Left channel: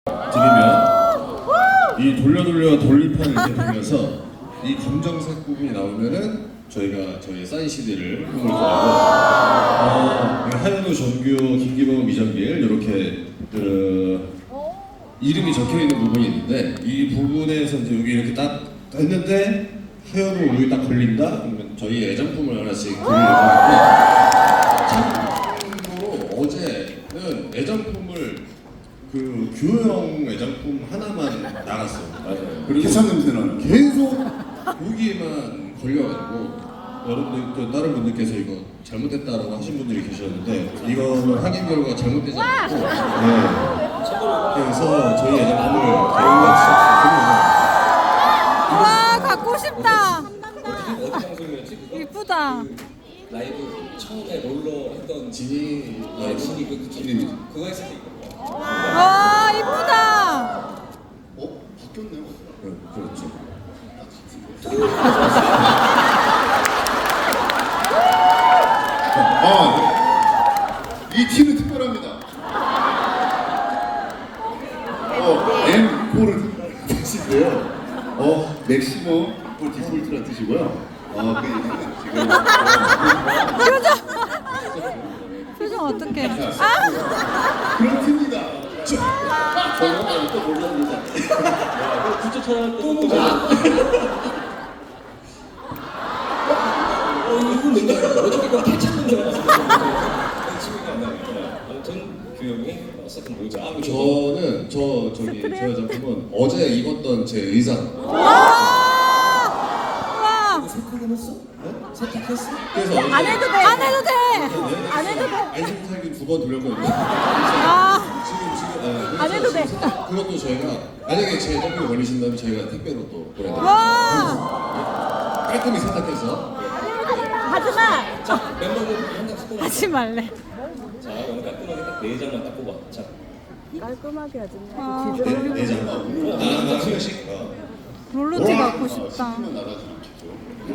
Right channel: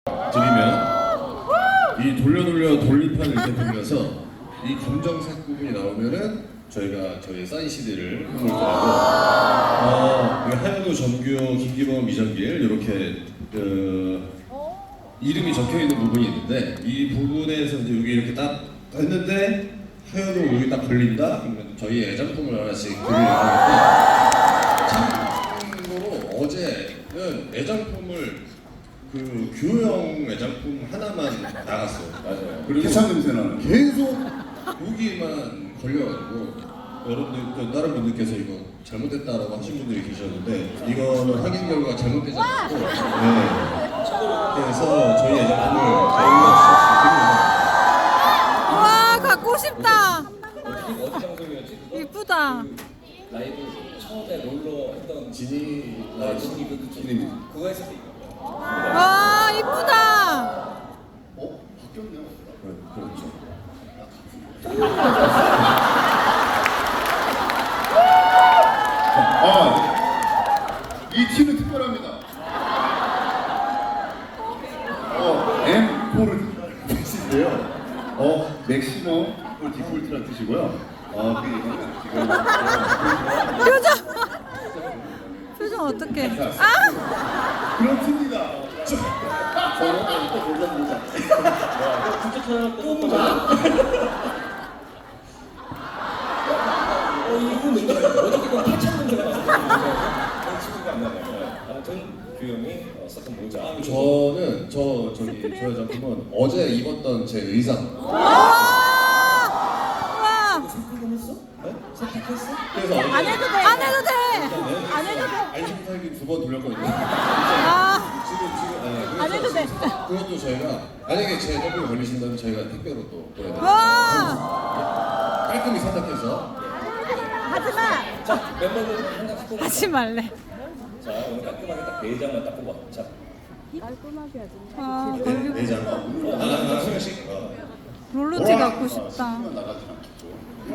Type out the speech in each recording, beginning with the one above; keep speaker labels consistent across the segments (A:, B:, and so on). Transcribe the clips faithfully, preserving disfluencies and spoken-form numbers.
A: 드리면 이 돌려 돌려 돌림판을 이렇게 돌려서 이 검정색 부분이 나오면은 저희가 저희 사인 씨디를 해볼 거고 어, 하현우, 정규, 김기범, 이정길 이렇게 그 이름이 적혀 있는 부분이 있는데 이 부분에서 이제 여기 이렇게 딱 했는데 하현우 여기 딱 걸린다? 그러면 저희 애장품을 하나씩 드릴 예정인데 참고로 어제는 애장품을 그 규형 애장품 하나만 나갔어. 맞아요. 그리고
B: 해산 냄새는
A: 계속 거기에만 걸려가지고 여러분들 또 다른 분들께서 이거 잘못됐다라고 하신 분들이 계셨는데 이거 확인 결과가 잘못되지 않고 네. 그래서 저희 애장품을 저희가 드립니다.
C: 와 갖고 싶다.
D: 어디 방송이었지?
C: 이쁘다.
D: 라이브 처음에 롤러 했던
A: 진이
D: 아, 진이 그
A: 진이
D: 그거 했을 때 이거.
C: 와 이쁘다.
B: 어? 바뀌었네요.
A: 네, 그렇죠.
B: 아, 이 팀은 특별합니다. 어, 엠 포를 뜻인데요. 어, 맥시멈 폴 디폴트라는 뜻이고요. 어, 그 지금
C: 표정. 표정 어떡해. 아
B: 그런 팀입니다.
D: 저는 또 몰랐습니다. 진짜 찾아봤더니 또 몰라. 어, 이거 뭔데? 어저께 그 타창 문제가 나서 지금이 안 나요. 아무튼 그 형이 썼던 모자.
A: 저는 저 저기 저 애장품은 어제 입었던 제 의상.
C: 와.
D: 세탁은 했어? 네? 세탁했어?
A: 그래서 어제
C: 안 해도 돼. 안 해도 돼. 안 해도 돼.
A: 아이템 살기 두 번 돌렸거든요.
C: 아.
A: 지금 지금 아,
C: 안 해도 돼.
A: 그것도 저희가 만약에 제 애장품이 걸리신다면 저희가 택배로 또 보내드릴게요.
C: 와.
A: 깔끔히 세탁해서.
C: 하지 마.
D: 자, 멤버들 한 장씩 뽑아.
C: 하지 말래.
D: 자, 오늘 깔끔하게 딱 네 장만 딱 뽑아. 자,
C: 아
A: 네,
C: 걸리고
A: 네 장. 아, 한 장씩. 어.
C: 롤러티 갖고 싶다.
B: 시키면 나가지 않겠고.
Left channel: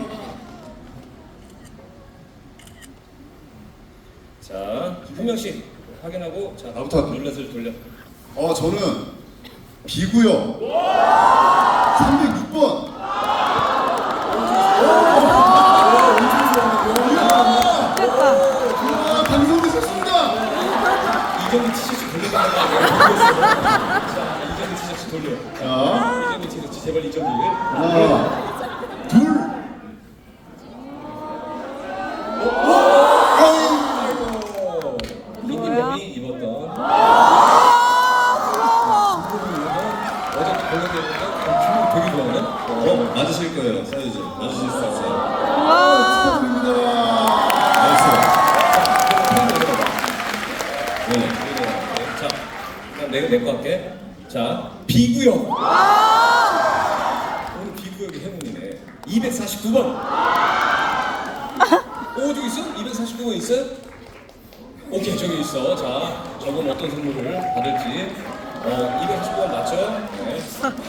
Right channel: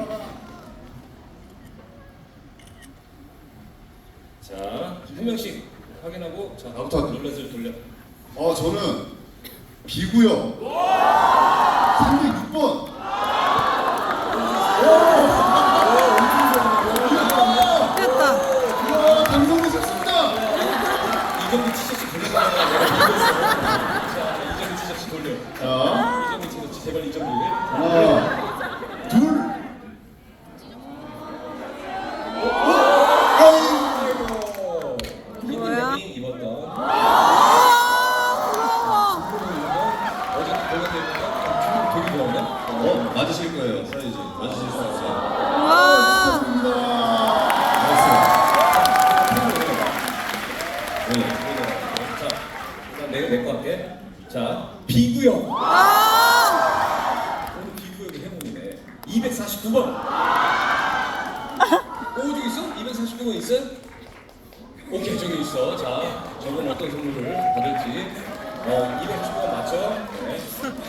D: 자, 한 명씩 확인하고 자,
B: 나부터.
D: 룰렛을 돌려.
B: 어, 저는 비구요. 삼백육 번.
C: 됐다.
B: 아, 당선되셨습니다.
D: 이정도 티셔츠 돌려달라고. 자, 이정도 티셔츠 돌려.
B: 자,
D: 이정도 티셔츠 제발 이정도.
B: 하나, 둘.
C: 뭐야?
D: 이 입었던
C: 아 부러워.
D: 어제 거기서 되게 좋아하네.
A: 어, 맞으실 거예요, 사이즈. 맞으실 수 있어요.
C: 와.
A: 맞았어요. 네.
D: 자, 그럼 내가 내 거 할게. 자, 비구역.
C: 아.
D: 오늘 비구역이 해몽이네. 이백사십구 번. 오, 저기 있어? 이백사십구 번 있어? 오케이, 저기 있어. 자, 저건 어떤 선물을 받을지. 어, 이백사십구 번 맞죠? 네.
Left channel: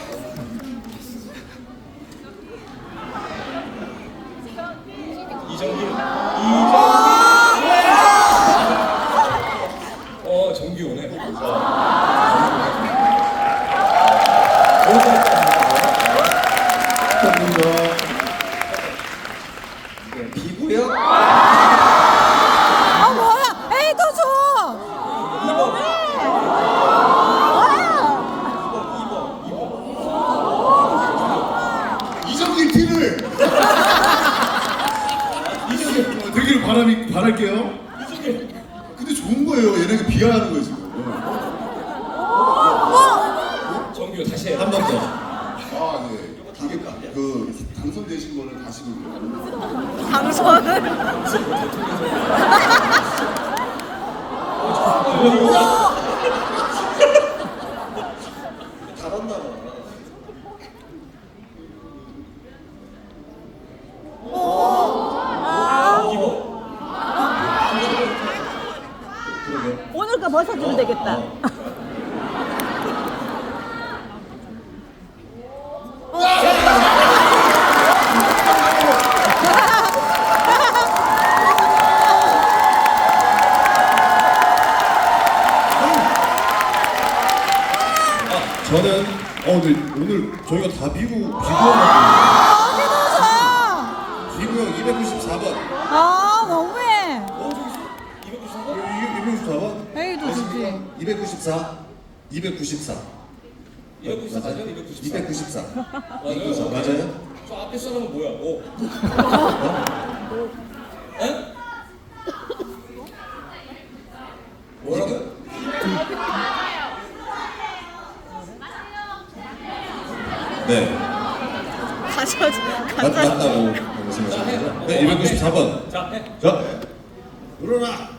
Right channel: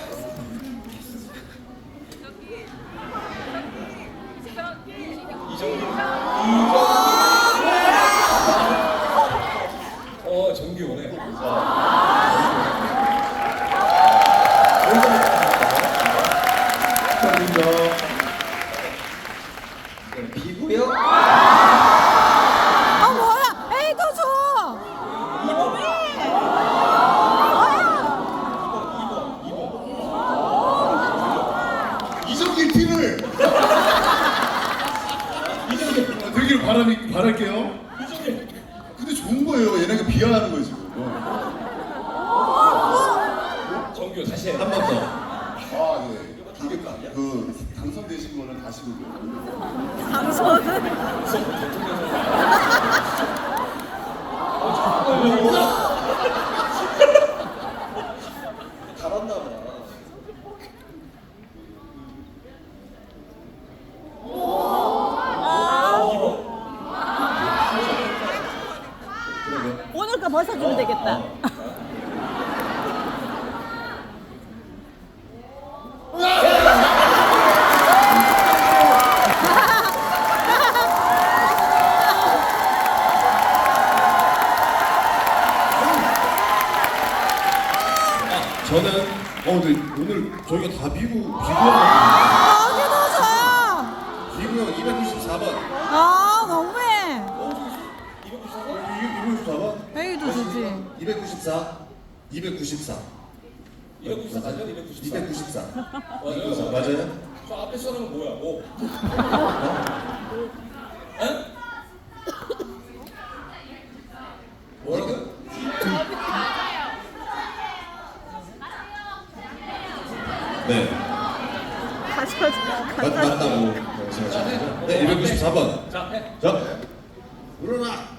D: 이정길. 이정길. 어, 정기 오네.
A: 비구요?
C: 아 뭐야? 에이 더 줘.
B: 이정길 팀을 되기를 바람이 바랄게요. 근데 좋은 거예요. 얘네가 비하하는 거예요 지금.
D: 정규 다시 해.
A: 한 번 더.
B: 아 네. 이게 그 당선되신 거는 가시고요.
C: 당선을.
D: 잡았나 봐.
E: 오늘 거 벗어주면 되겠다.
A: 저는 어 근데 오늘 저희가 다 비구 비구형
C: 여기도 줘.
A: 비구형 이백구십사 번.
C: 아, 너무해.
A: 이백구십사 번?
C: A도 주지.
A: 이백구십사. 이백구십사.
D: 이백구십사죠? 이백구십사.
A: 이백구십사.
D: 맞아요.
A: 맞아요?
D: 저 앞에 사람은 뭐야? 오. 에? 뭐라고?
A: 네.
E: 가져오지 마.
A: 맞, 맞다고 말씀하셨죠? 네, 이백구십사 번.
D: 자, 해.
A: 자, 일어나.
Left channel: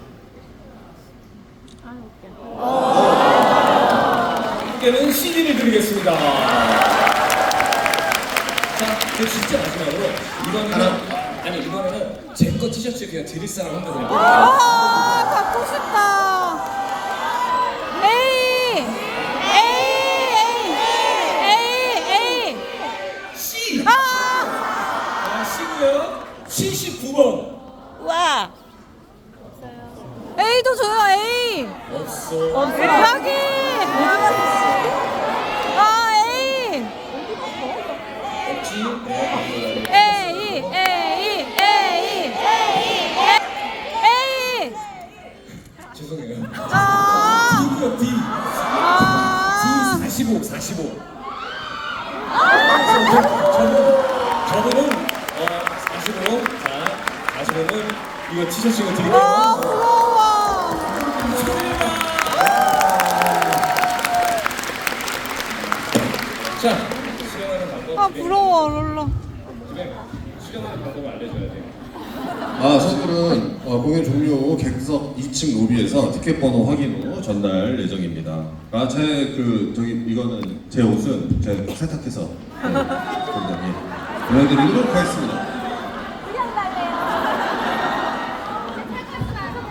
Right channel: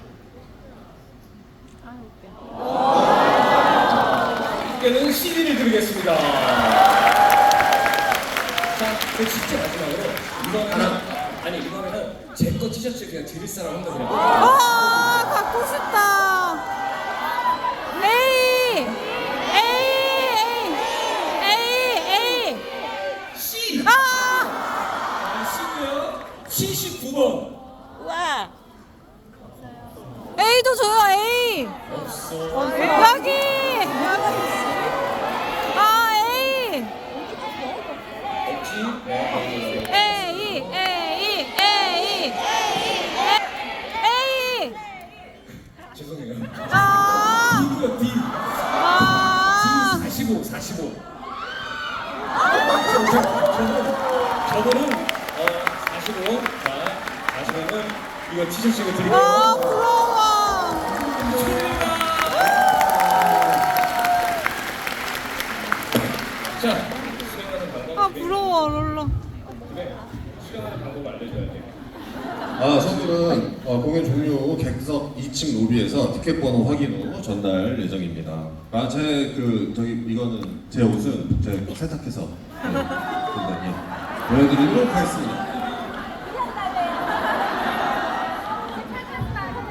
D: 함께는 씨디를 드리겠습니다. 자, 그 진짜 마지막으로 이번에는 아니 이번에는 제 거 티셔츠 그냥 드릴 사람 한번 그냥.
C: 아, 갖고 싶다. A. A. A. A.
D: C.
C: 아!
D: 아, C고요. 칠십구 번.
E: 와.
C: A도 줘요, A.
D: 없어.
C: 여기. 아, A.
D: 없지? 네.
C: A. A. A. A.
D: 죄송해요.
C: 아.
D: D고요, D.
C: 아.
D: 사십오, 사십오. 저거, 저거는 어, 사십오. 자, 사십오는 이거 티셔츠 이거 드리고.
C: 아, 부러워.
D: 자, 수령하는 방법.
C: 아, 부러워, 롤러.
D: 집에 수령하는 방법을 알려줘야 돼.
A: 아, 선물은 어, 공연 종료 후 객석 이 층 로비에서 티켓 번호 확인 후 전달 예정입니다. 아, 제 그 저기 이거는 제 옷은 제가 세탁해서 네, 전달해 보내드리도록 하겠습니다.